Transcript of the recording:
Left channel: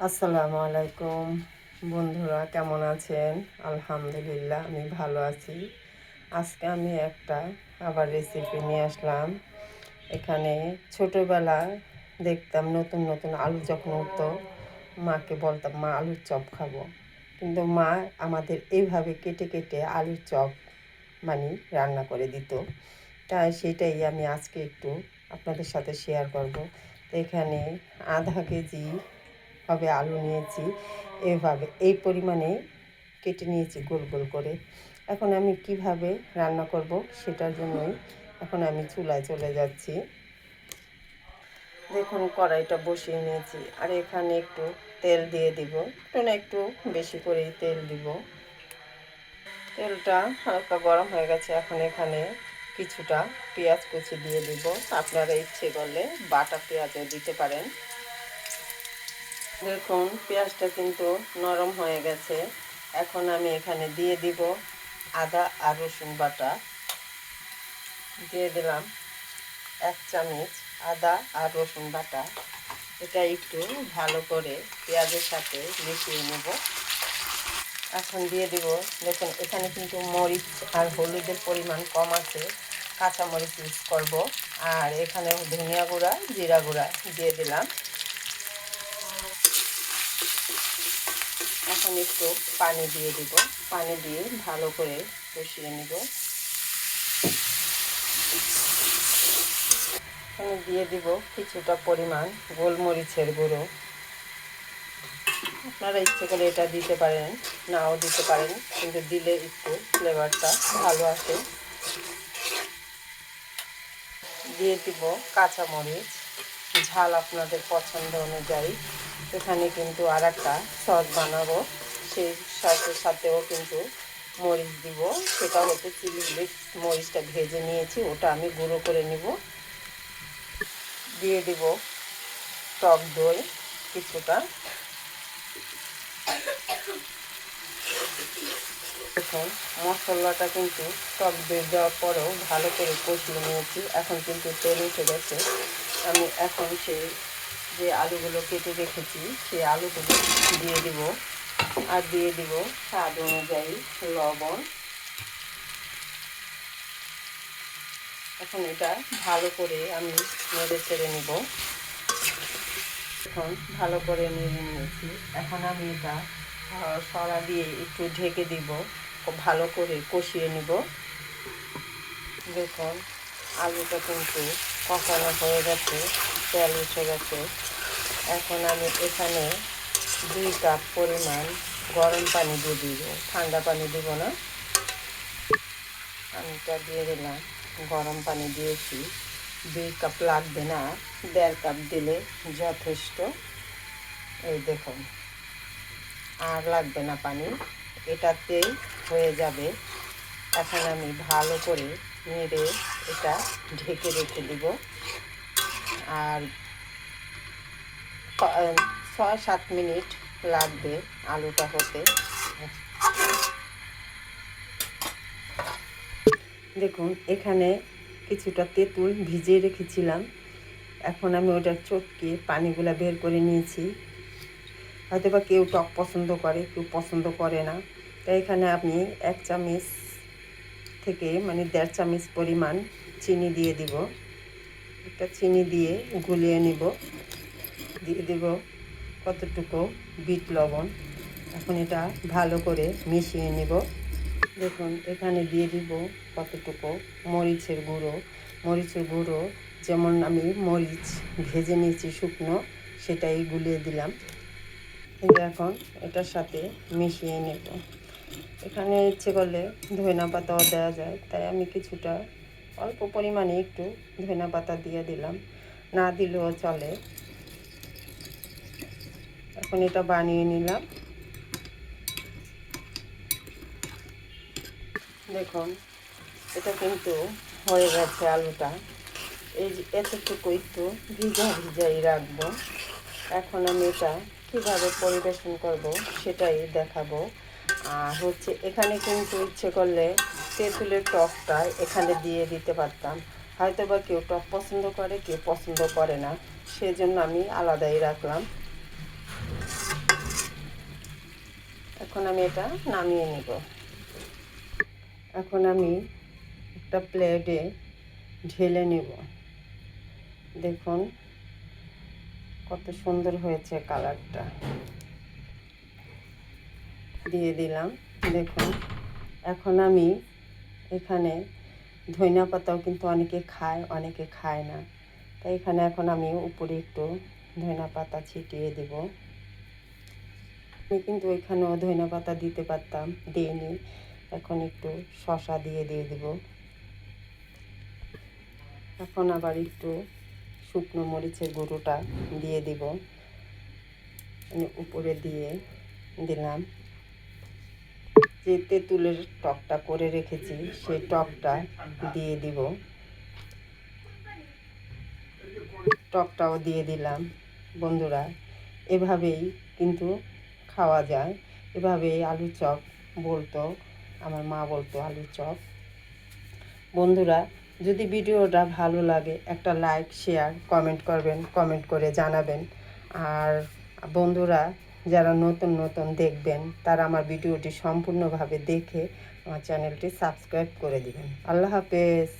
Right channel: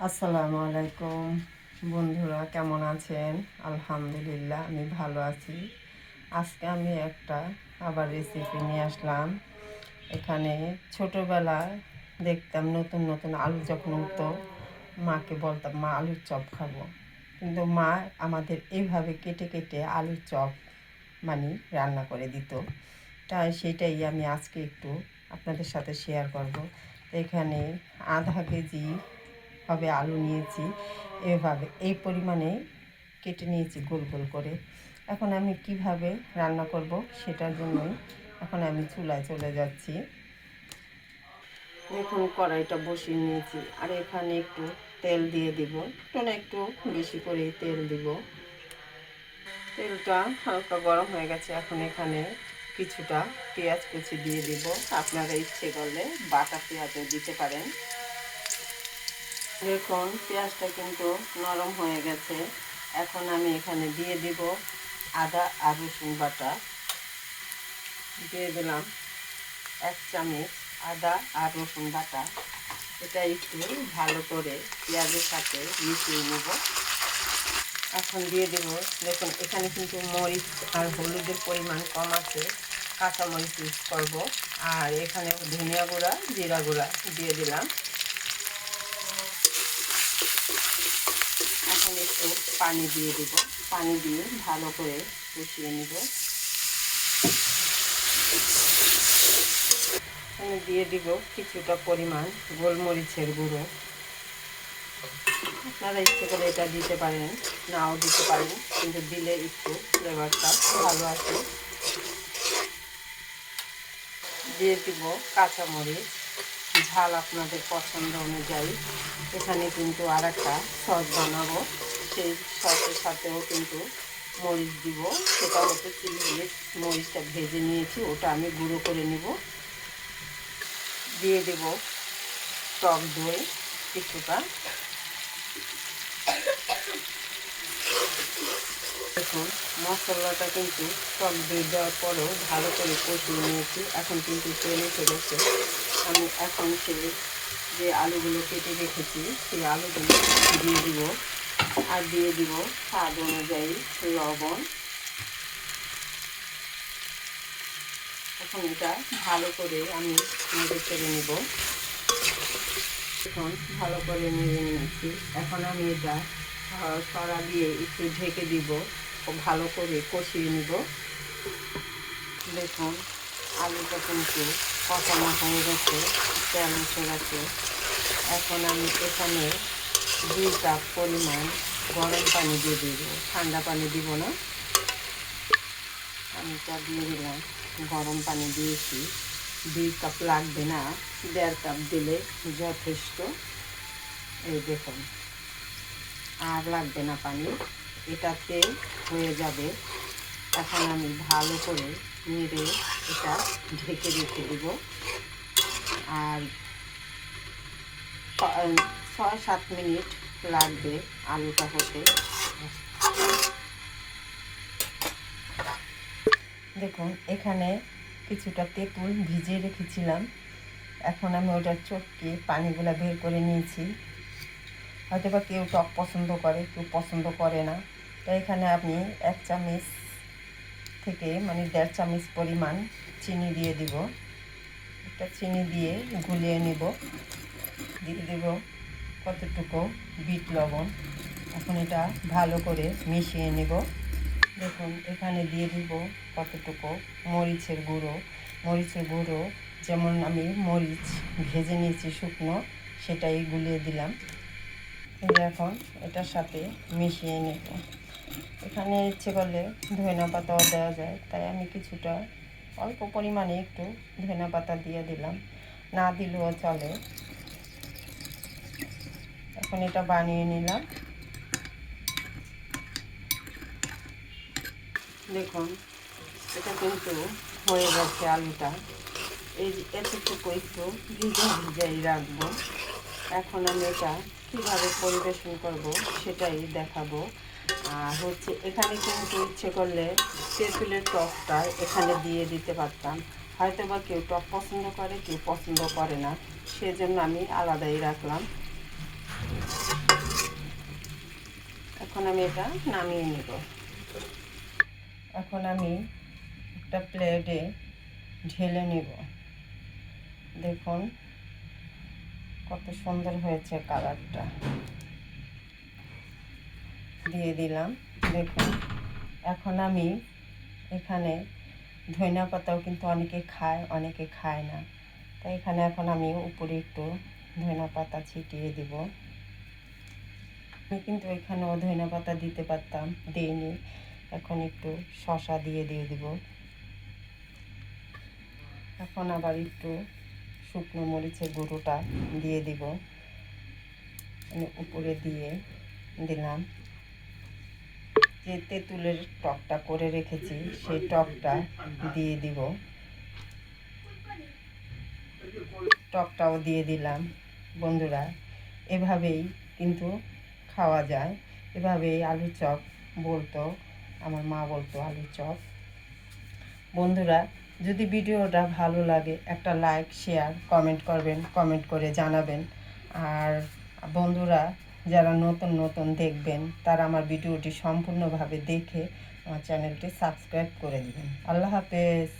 আসসালামু আলাইকুম। বন্ধুরা, কেমন আছেন? আলহামদুলিল্লাহ, আমি ভালো আছি। আজকে আমি একটা আবার রেসিপি নিয়ে আসলাম। এখানে ছোটোবেলায় দেখতাম নতুন নতুন আলু যখন উঠতো, মাকে বলতাম, মা, আলুর চপ খাব। কিন্তু মা আমাদের এইভাবে কেটে কেটে আলুর চপ মানে রান্না করে দিত। তাই সেটাই আমি আজকে একটু আপনাদের সাথে শেয়ার করব। তো এখানে আধা কেজি হবে আলু নিয়েছি, এভাবে, এই পরিমাণে কেটে নিয়েছি গোল গোল করে। এখন আমি কীভাবে রান্না করব সেটার জন্যই এখন আমি চুলায় চলে যাচ্ছি। দেখুন, কড়াইটা বসিয়ে নিয়েছি। আর এখানে একটু তেল দিয়ে দিব। একটু না একটু বেশি করেই তেল দিব। তেলটা হালকা গরম হয়ে গেছে। এখন এখানে কিছুটা পেঁয়াজ কুচি দিয়ে দিব। আপনারা ইচ্ছে করলে বাটা পেঁয়াজও দিতে পারেন। দেখুন, পেঁয়াজটা কিন্তু নরম হয়ে গেছে। এখন আমি এখানে দিয়ে দিব আদা আর রসুন বাটা। দিয়ে দিলাম এক চামচ আদা আর রসুন বাটা। এটা একটু ভালো করে পেঁয়াজের সাথে মিশিয়ে নেব। এখন দিয়ে দেব, দেখুন, এখানে কিন্তু মরিচ আর হলুদের পরিমাণ কম আছে। কাঁচামরিচ ইউজ করব। আর এখানে ধনিয়া গুঁড়া, জিরা গুঁড়া দিয়ে দিলাম। এখন একটু পানি দিয়ে দিব। পানি দিয়ে ভালো করে কষিয়ে নিব। আমি দিয়ে দিব কিছুটা পরিমাণ গোলমরিচের গুঁড়ো। আপনারা ইচ্ছে করে এটা দিতে পারেন, নাও দিতে পারেন, কিন্তু দিলে একটু ফ্লেভারটা ভালো আসে। দিয়ে দিব কাঁচামরিচ, ঝাল আপনাদের পছন্দ অনুযায়ী। এখানে কিন্তু আর একটা সস বানাবো। সেই সসের সাথেও কিন্তু মরিচ দিব। সেটা হচ্ছে চিলি মরিচটা ভেজে নিয়েছি, ওটা আমি গুঁড়ো করে নিব। দিয়ে দিব টক দই কিছুটা। দেখুন, মশলাটা কিন্তু টক দই দেওয়ার পরেও ভালো করে কষিয়ে নিয়েছি। এখন কিন্তু তেল উঠে গেছে। আমি এখন সেই যে আলুগুলো কেটে রেখেছি, সেই আলুগুলো দিয়ে দিব। আর দিয়ে দিব স্বাদ অনুযায়ী লবণ। এখন এটা ভালো করে আমি নেড়ে চেড়ে নেব। এখন ভালো করে নেড়ে নিয়েছি। এখন আমি এটা সরা দিয়ে একটু ঢেকে দিব। ভালো করে কষিয়ে নিব। দেখুন, আলুটা কিন্তু কষানো হয়ে গেছে। তেল উঠে গেছে। এখন আমি এখানে দুই কাপ পরিমাণ গরম পানি দিয়ে দিব। ঠান্ডা পানি দিব না। পানিটা দিয়ে দিলাম। গরম পানি দিয়েছি। দুই কাপ লাগবে না। দেড় কাপ দিলে যথেষ্ট। এই দেখুন। আর লাগবে না পানি। এটাতেই হয়ে যাবে। এখন আমি ভালো করে নেড়ে এটা ঢেকে রেখে দিব। আর ছয় সাত মিনিট লাগবে আলুটা হতে। দেখুন, এখানে কিছুটা তেঁতুল ভিজিয়ে রেখেছিলাম। এখন আমি ওটার চটকে পানিগুলো বের করে নিয়েছি। হয়তো বা কেউ টক পছন্দ করে, কেউ পছন্দ করে না। তাই এখানে আপনি এক চামচ থেকে মানে দেড় চামচ পরিমাণ চিনি দিয়ে দিব। একটা চিনি দিয়ে গুলিয়ে নিব। দিয়ে দেব কতটুকু বিট লবণ। এখন এটা ভালো করে মিশিয়ে নেব। দেখুন, এখানে দিয়ে দিব কতটুকু মরিচের গুঁড়ো। মরিচের গুঁড়ো যেমন আমি মরিচ ভেজে নিয়েছি শুকনো, সেটাই গুলিয়ে দিলাম। কিন্তু এখন এটার সাথে মিশিয়ে নেব। এখানে ইচ্ছে করলে ধনা পাতাও দেওয়া যায়, তাই আমি কিছুটা অল্প পরিমাণে একটু ধনা পাতা দিয়ে দিলাম। না দিলেও চলে। এখন এটা বানিয়ে নিলাম। দেখুন, এটা কিন্তু হয়ে গেছে আলুটা। এই এতটুকু একটু ভিজা ভিজাই রাখব। এখন আমি এটা কীভাবে পরিবেশন করব সেটাই দেখাবো। হচ্ছে এখানে কিন্তু ইচ্ছে করলে তেঁতুলের টকটা এখানে দিয়ে দিতে পারতাম। হয়তো বা কেউ টক পছন্দ করে, কেউ পছন্দ করে না। সেজন্য আমি আলাদাই রাখলাম। এখন আমি এটা নামিয়ে নিব। এখন আমি একটা প্লেটে ঢেলে নেব। দেখুন কত সুন্দর হয়েছে কালারটা। দিয়ে দিলাম। দেখুন, এখন আমি এখানে ধনিয়া পাতাও কিন্তু অনেকে খায় অনেকে খায় না। তাই এখানে এখন আমি উপরে একটু ধনিয়া পাতা ছিটিয়ে দিব। আমি কিন্তু ওইখানেও ধনিয়া পাতা দিতে পারতাম, দিইনি। এখন একটু শশা দিয়ে দিয়ে দিব। এখন আবার একটু শুকনো মরিচের গুঁড়োটা দিয়ে দিব। উপরে দিয়ে দিলাম। যে তেঁতুলের টকটা করে রেখেছি, সেই টকটা দিয়ে দিব। টকটাও দিয়ে দিলাম, বন্ধুরা। এভাবেই কিন্তু খাওয়া যায়। এভাবেই আলু চপ বলতো, আমার মা বলতো আলু চপ। বন্ধুরা, যদি ভিডিওটা ভালো লাগে, একটা লাইক, শেয়ার, কমেন্ট করবেন, কমেন্ট করে জানাবেন। আর বন্ধুরা যারা নতুন নতুন দেখবেন, তারা আমার ভিডিওটি সম্পূর্ণভাবে দেখে আমার চ্যানেলটি সাবস্ক্রাইব করে দিবেন। আল্লাহ হাফেজ।